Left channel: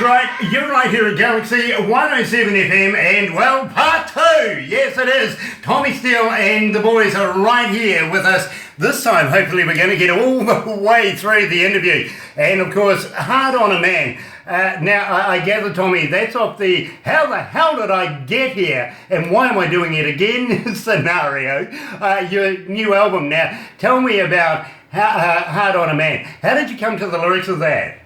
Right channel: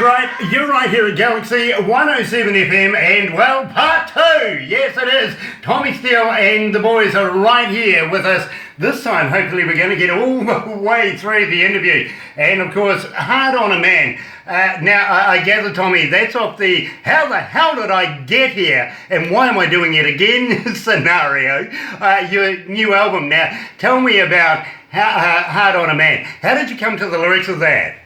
That's right, you're right here at Galaxy 107 FM, and well, part two, yes it is. Tommy Steele and the boys are right here with us. This time, hopefully we're going to get all the way through the interview. And of course, Hard on a Man. Now, I gather, Tommy, that's off the how the hell did I get here and why am I doing it again scenario. Your new album. Now, tell me about Hard on a Man. How did you come to the lyrics of that?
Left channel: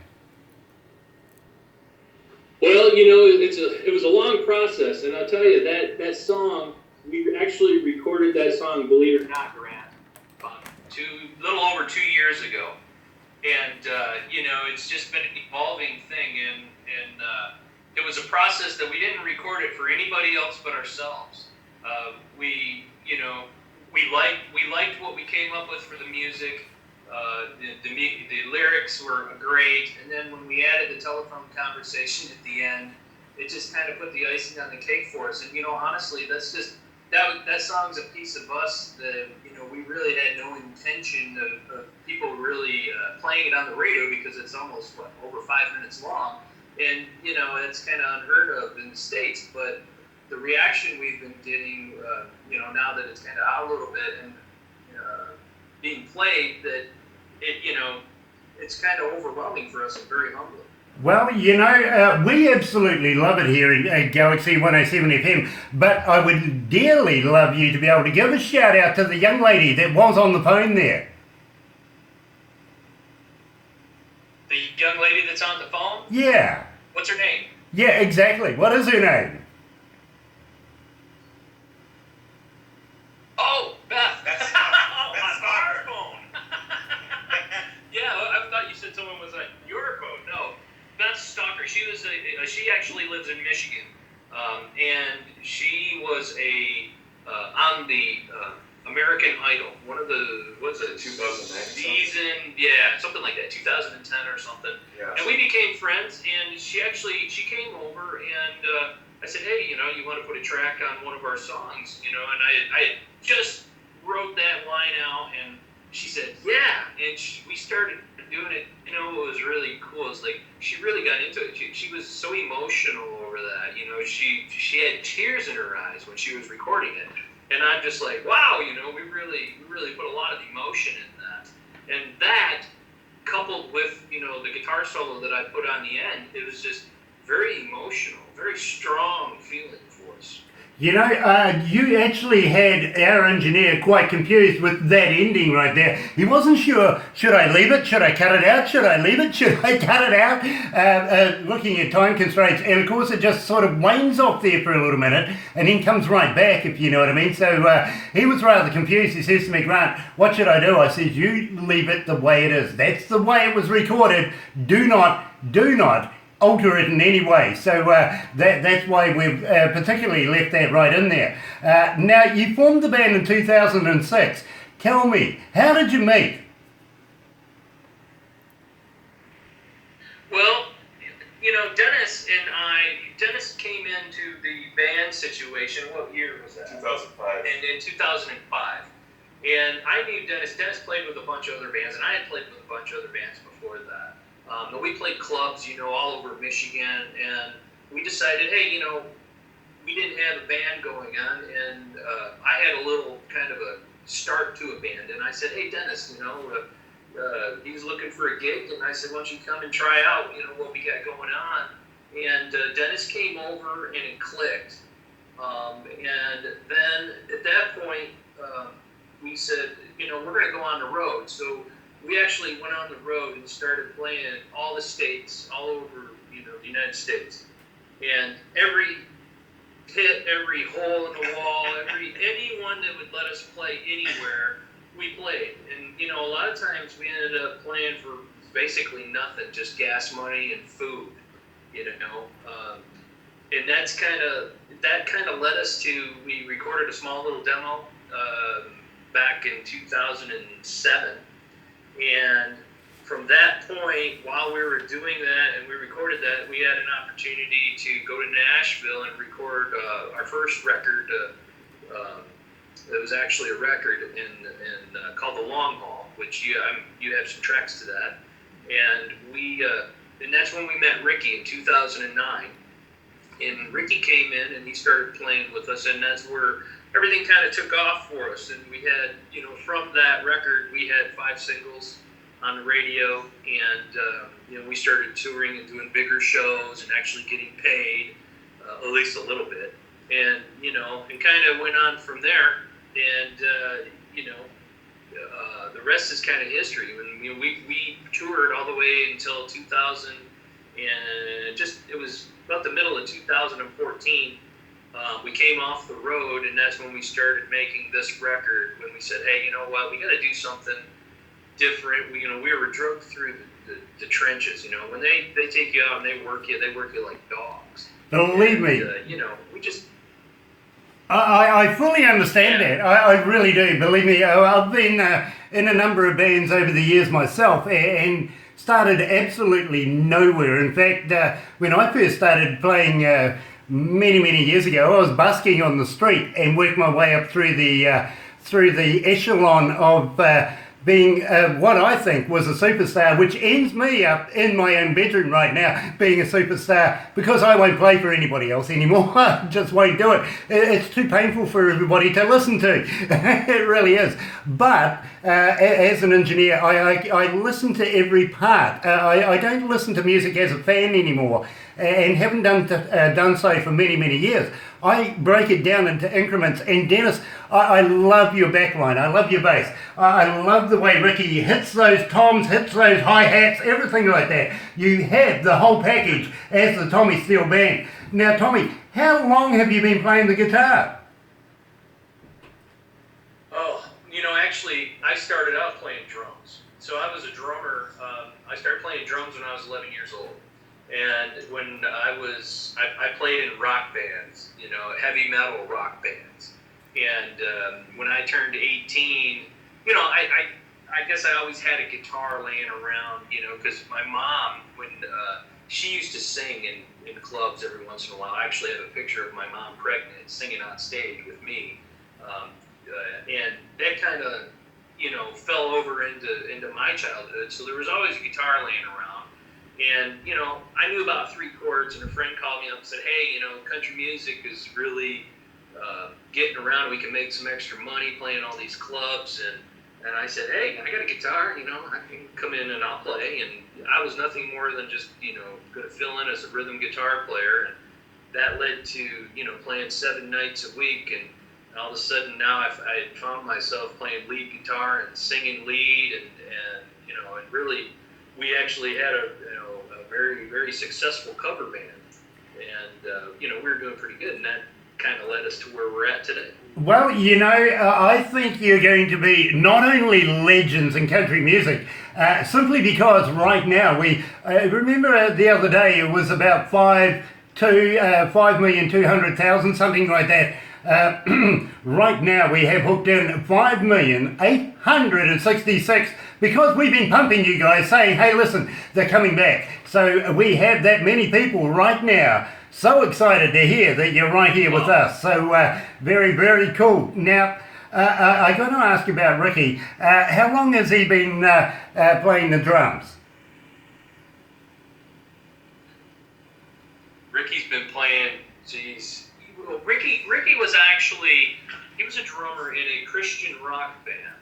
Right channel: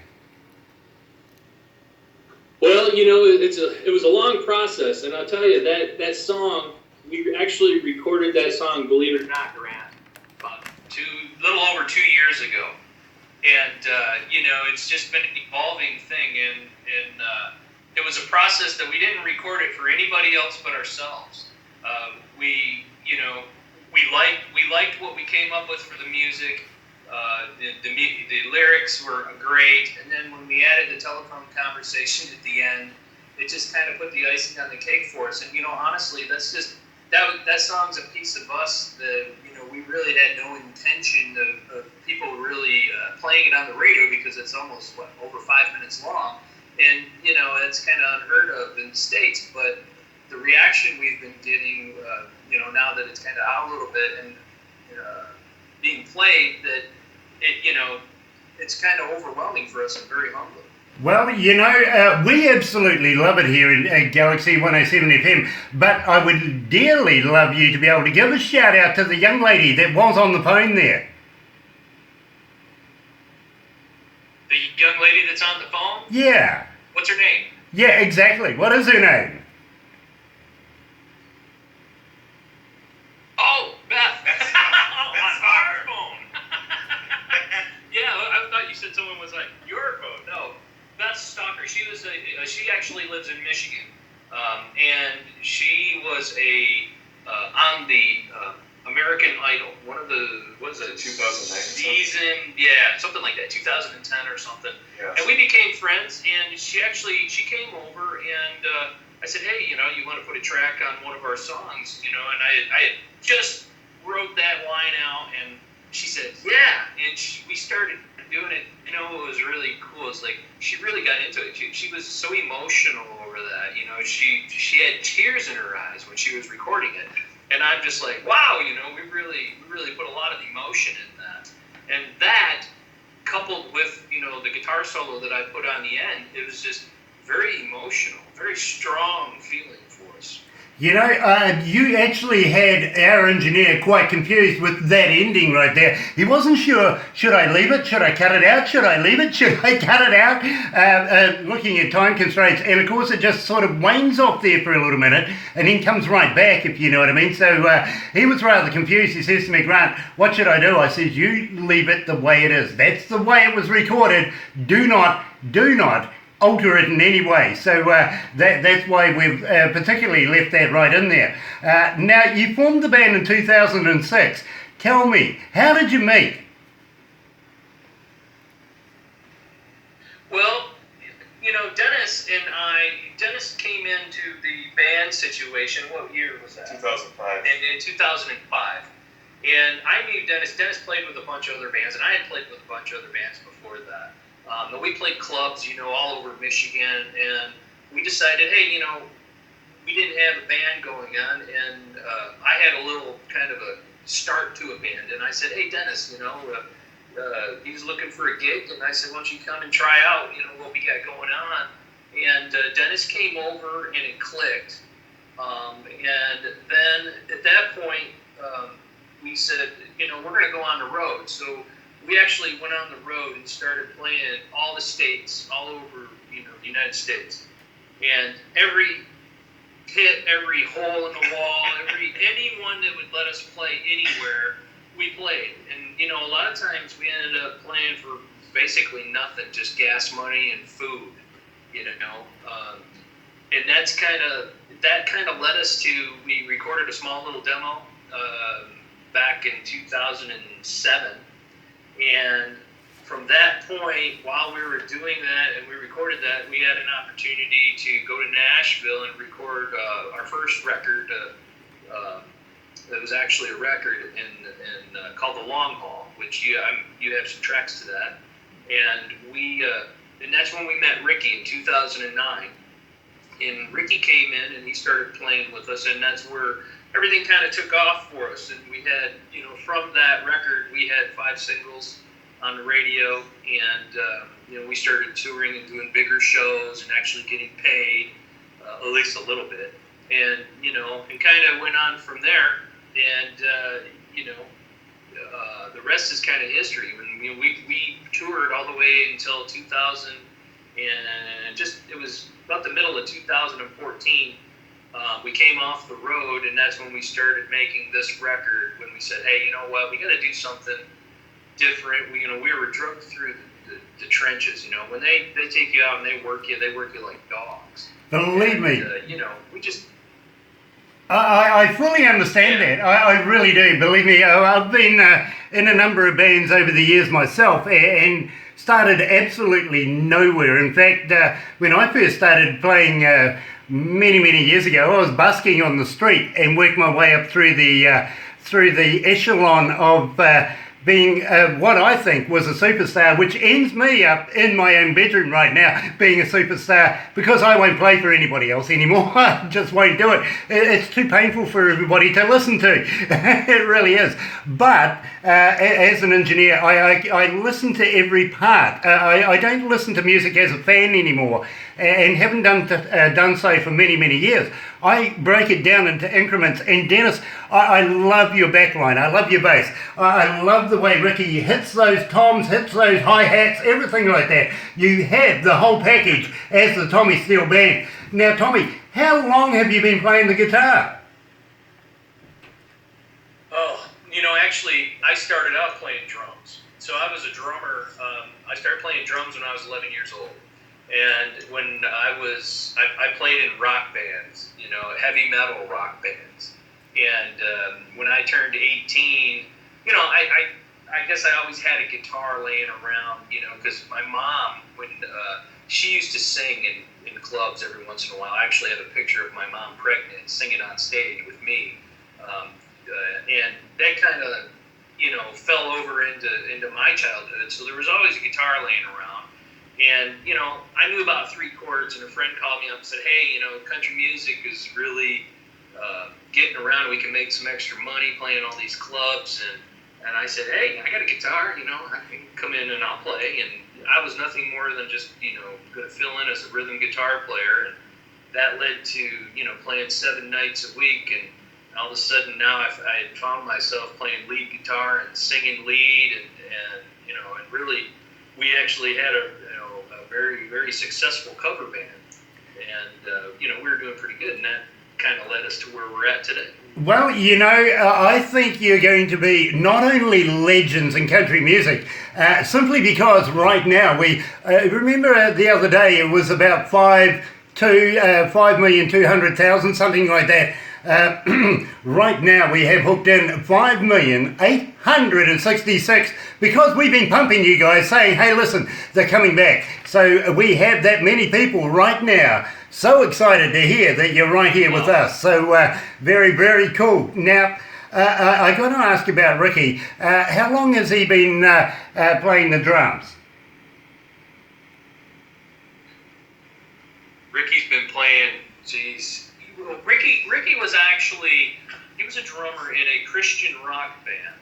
Well, you know, it was a long process, and I'll tell you that song, we actually recorded that song, believe it or not, Grant, about little over 2 years ago, and you know, it's just been an evolving thing, and it was a process that we didn't record it for anybody else but ourselves. We liked what we came up with for the music. The lyrics were great, and then when we added the telephone conversation at the end, it just kind of put the icing on the cake for us. And you know, honestly, that song's a piece of us that, you know, we really had no intention of people really playing it on the radio, because it's almost over 5 minutes long, and you know, it's kind of unheard of in the States. But the reaction we've been getting, you know, now that it's kind of out a little bit and being played, that it's kind of overwhelming for us and very humbling. Well, you know, we absolutely love it here in Galaxy 107 FM, but I would dearly love you to be able to give a shout out to the young lady that was on the phone there. The young lady that's on the phone? Yeah. What's her name? Yeah, exactly. What is her name? Oh, Beth. On our phone. Yeah, I thought you said someone was like, your phone. No, Beth Stalker. She actually lives in Michigan, and she was on the American Idol, one of the, what was it, 2009 season, yeah, something like that, 2010 or something. Yes. And we became friends, and she came over, and I said, hey, you know, you want to put a track on one of our songs, you know, and I had just wrote that line out, and she said, yeah, and we started doing it. You know, what was really cool is, like, she really got into it. She was so emotional over that, you know, she had tears in her eyes when she was recording it, and I'm just like, wow, you know, we really put a lot of emotion in that, and that, coupled with, you know, the guitar solo that I put on the end, it was just very emotional, very strong feeling for us. You know, you actually had our engineer quite confused with that ending right there. He wasn't sure, should I leave it? Should I cut it out? Should I leave it? Should I cut it out? Looking at time constraints. And of course, it just sort of wanes off there for a little minute and then comes right back, if you know what I mean. So he was rather confused. He says to me, Grant, what should I do? I says, you leave it the way it is. That's the way it was recorded. Do not alter it in any way. So that's why we've particularly left that right in there. Now, you formed the band in 2006. Tell me, how did you meet? Well, you know, Dennis came into the band situation. What year was that? 2005. In 2005. And I knew Dennis. Dennis played with a bunch of other bands, and I had played with a bunch of other bands before that. But we played clubs, you know, all over Michigan, and we decided, hey, you know, we didn't have a band going on, and I had a little kind of a start to a band, and I said, hey, Dennis, you know, he was looking for a gig, and I said, why don't you come and try out, you know, what we got going on, and Dennis came over, and it clicked, and then at that point, we said, you know, we're going to go on the road, so we actually went on the road and started playing in all the states, all over, you know, the United States. And every hit, every hole in the wall, anyone that would let us play anywhere, we played. And, you know, a lot of times we ended up playing for basically nothing, just gas money and food, you know. And that kind of led us to, we recorded a small little demo back in 2007. And from that point, while we were doing that and we recorded that, we had an opportunity to go to Nashville and record our first record. It was actually a record called The Long Haul, which you have some tracks to that. And we and that's when we met Ricky in 2009. And Ricky came in and he started playing with us, and that's where everything kind of took off for us. And we had, from that record, we had 5 singles on the radio, and we started touring and doing bigger shows and actually getting paid, at least a little bit. And and kind of went on from there. And the rest is kind of history. And we toured all the way until 2000, and it was about the middle of 2014. We came off the road, and that's when we started making this record. When we said, "Hey, you know what? We got to do something different." We were drugged through the trenches. When they take you out and they work you like dogs. Believe me. And, we just. I fully understand that. I really do. Believe me, I've been in a number of bands over the years myself, and started absolutely nowhere. In fact, when I first started playing many years ago, I was busking on the street and worked my way up through the echelon of being what I think was a superstar, which ends me up in my own bedroom right now, being a superstar, because I won't play for anybody else anymore. I just won't do it. It's too painful for everybody to listen to. It really is. But as an engineer, I listen to every part. I don't listen to music as a fan anymore, and haven't done so for many years. I break it down into increments. And Dennis, I love your backline. I love your bass. I love the way Ricky hits those toms, hits those hi-hats, everything like that. You have the whole package as the Tommy Steele Band. Now, Tommy, how long have you been playing the guitar? Oh, actually, I started out playing drums. So I was a drummer. I started playing drums when I was 11 years old. And when I played in rock bands, heavy metal rock bands. And when I turned 18, I guess I always had a guitar laying around, because my mom, when she used to sing in clubs every once in a while. I actually have a picture of my mom pregnant singing on stage with me. And that kind of, fell over into my childhood. So there was always a guitar laying around. And, I knew about 3 chords, and a friend called me up and said, "Hey, country music is really getting around. We can make some extra money playing all these clubs." And I said, "Hey, I got a guitar, I can come in and I'll play." And I was nothing more than just, going to fill in as a rhythm guitar player. And that led to, playing 7 nights a week. And all of a sudden now I found myself playing lead guitar and singing lead. And really, we actually had a very successful cover band, and we were doing pretty good, and that kind of led us to where we're at today. Well, I think you're going to be not only legends in country music, simply because right now we remember the other day it was about 5,200,000, something like that. Right now we have hooked in 5,866 because we've been pumping you guys saying, "Hey, listen, they're coming back." So we have that many people right now so excited to hear that you're right here with us. So very cool. Now, I got to ask about Ricky. How long has he been playing the drums? Ricky's been playing, Ricky was actually, he was a drummer in a Christian rock band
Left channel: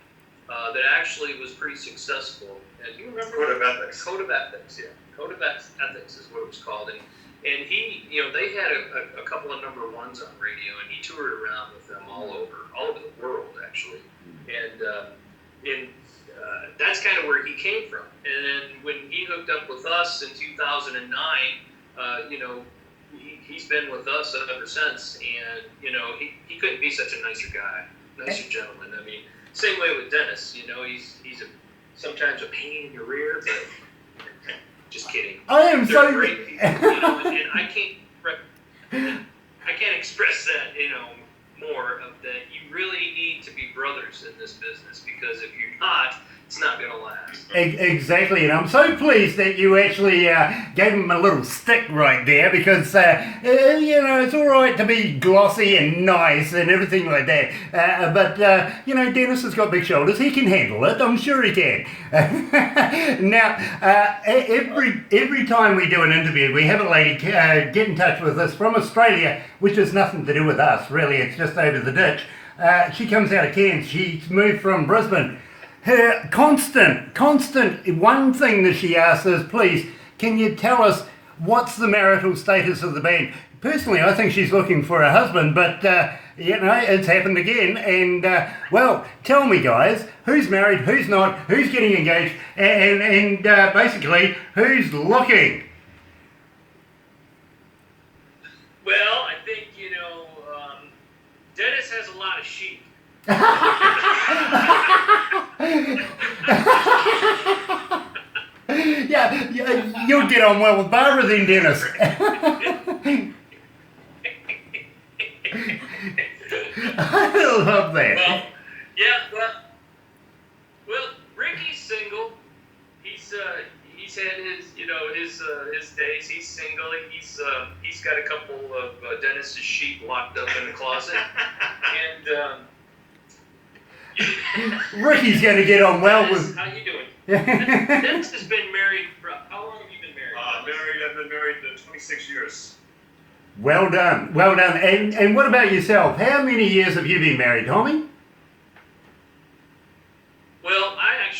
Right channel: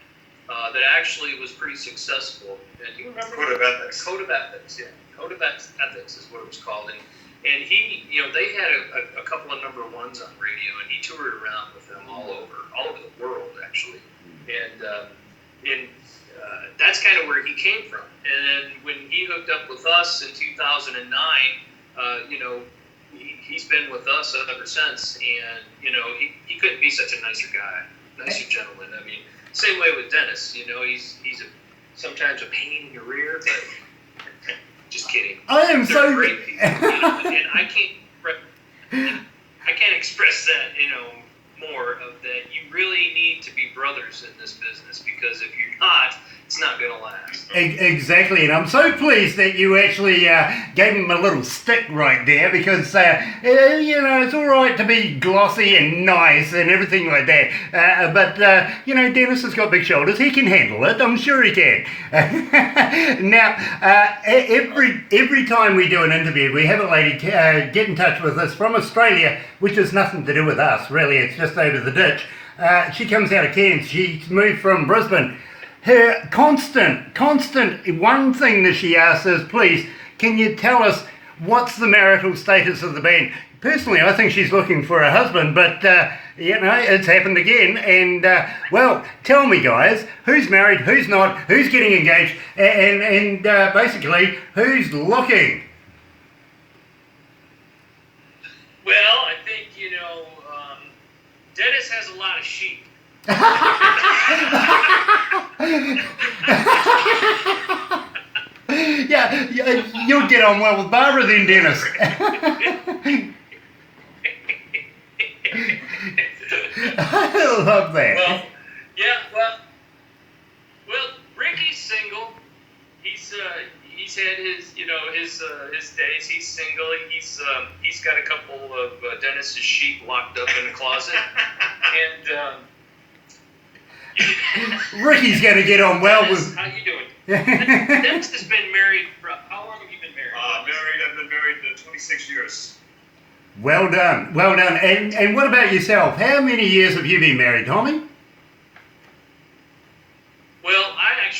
that actually was pretty successful. And do you remember? Code of Ethics. Code of Ethics, yeah. Code of Ethics is what it was called. And he, they had a couple of number ones on radio, and he toured around with them all over the world, actually. And that's kind of where he came from. And then when he hooked up with us in 2009, he's been with us ever since, and he couldn't be such a nicer guy, nicer gentleman. I mean, same way with Dennis. He's sometimes a pain in your rear, but just kidding. I am They're so great people, and I can't express that more of that. You really need to be brothers in this business, because if you're not, it's not going to last. Exactly, and I'm so pleased that you actually gave him a little stick right there because, it's all right to be glossy and nice and everything like that, but Dennis has got big shoulders. He can handle it. I'm sure he can. Now, every time we do an interview, we have a lady get in touch with us from Australia, which has nothing to do with us, really. It's just over the ditch. She comes out of Cairns. She's moved from Brisbane. Her constant, one thing that she asks is, please, can you tell us what's the marital status of the band? Personally, I think she's looking for a husband, but, it's happened again. And, tell me, guys, who's married, who's not, who's getting engaged, and basically, who's looking? Well, I think, Dennis has a lot of sheep. Yeah, you'll get on well with Barbara then, Dennis. I love that. Well, Ricky's single. He's had his days. He's single. He's got a couple of Dennis's sheep locked up in the closet, and. Ricky's going to get on well Dennis, with. How you doing? Dennis has been married. How long have you been married? I've been married 26 years. Well done. And what about yourself? How many years have you been married, Tommy? Well, I've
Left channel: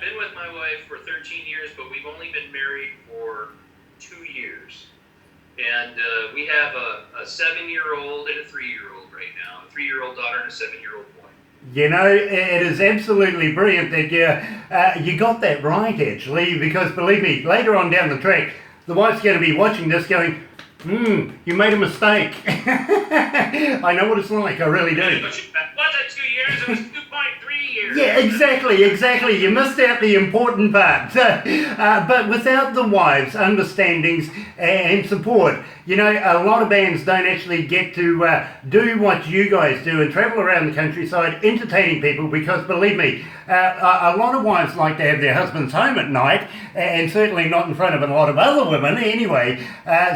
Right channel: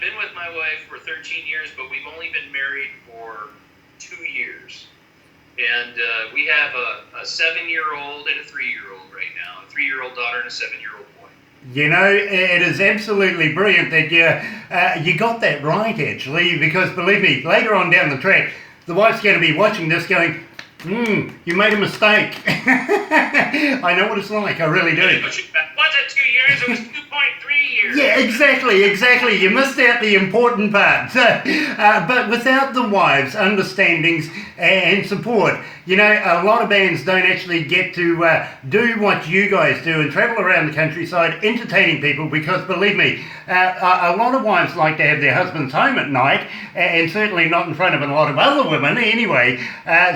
been with my wife for 13 years, but we've only been married for 2 years. And we have a 7-year-old and a 3-year-old right now. A 3-year-old daughter and a 7-year-old boy. It is absolutely brilliant that you got that right, actually, because believe me, later on down the track, the wife's going to be watching this going, you made a mistake. I know what it's like, I really do. It wasn't 2 years, it was 2.3 years. Yeah, exactly. You missed out the important part. But without the wives' understandings and support, a lot of bands don't actually get to do what you guys do and travel around the countryside entertaining people because, believe me, a lot of wives like to have their husbands home at night and certainly not in front of a lot of other women anyway.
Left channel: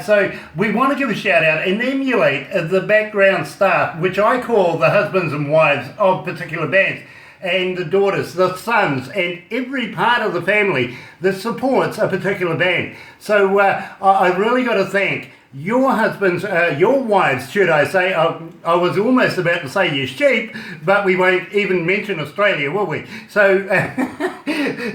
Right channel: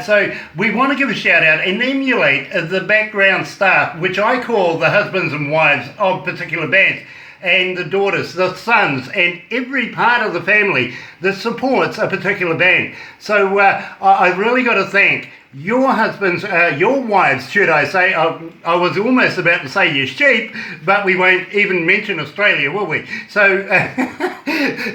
So we want to give a shout out and emulate the background staff, which I call the husbands and wives of particular bands, and the daughters, the sons, and every part of the family that supports a particular band. So I really got to thank your husbands, your wives, should I say. I was almost about to say your sheep, but we won't even mention Australia, will we? So,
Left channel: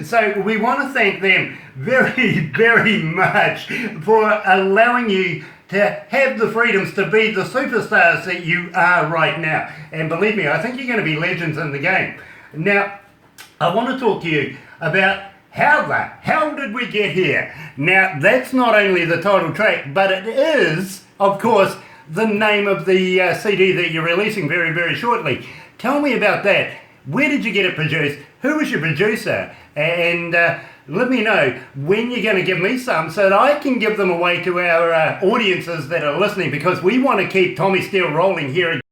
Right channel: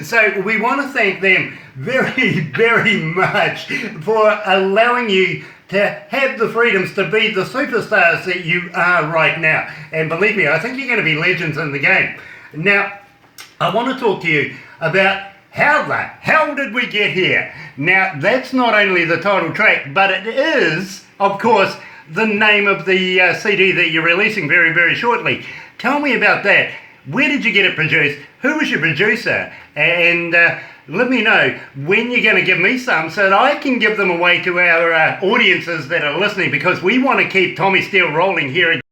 so we want to thank them very, very much for allowing you to have the freedoms to be the superstars that you are right now. And believe me, I think you're going to be legends in the game. Now, I want to talk to you about how the hell did we get here? Now, that's not only the title track, but it is, of course, the name of the CD that you're releasing very, very shortly. Tell me about that. Where did you get it produced? Who was your producer? And let me know when you're going to give me some so that I can give them away to our audiences that are listening, because we want to keep Tommy Steele rolling here.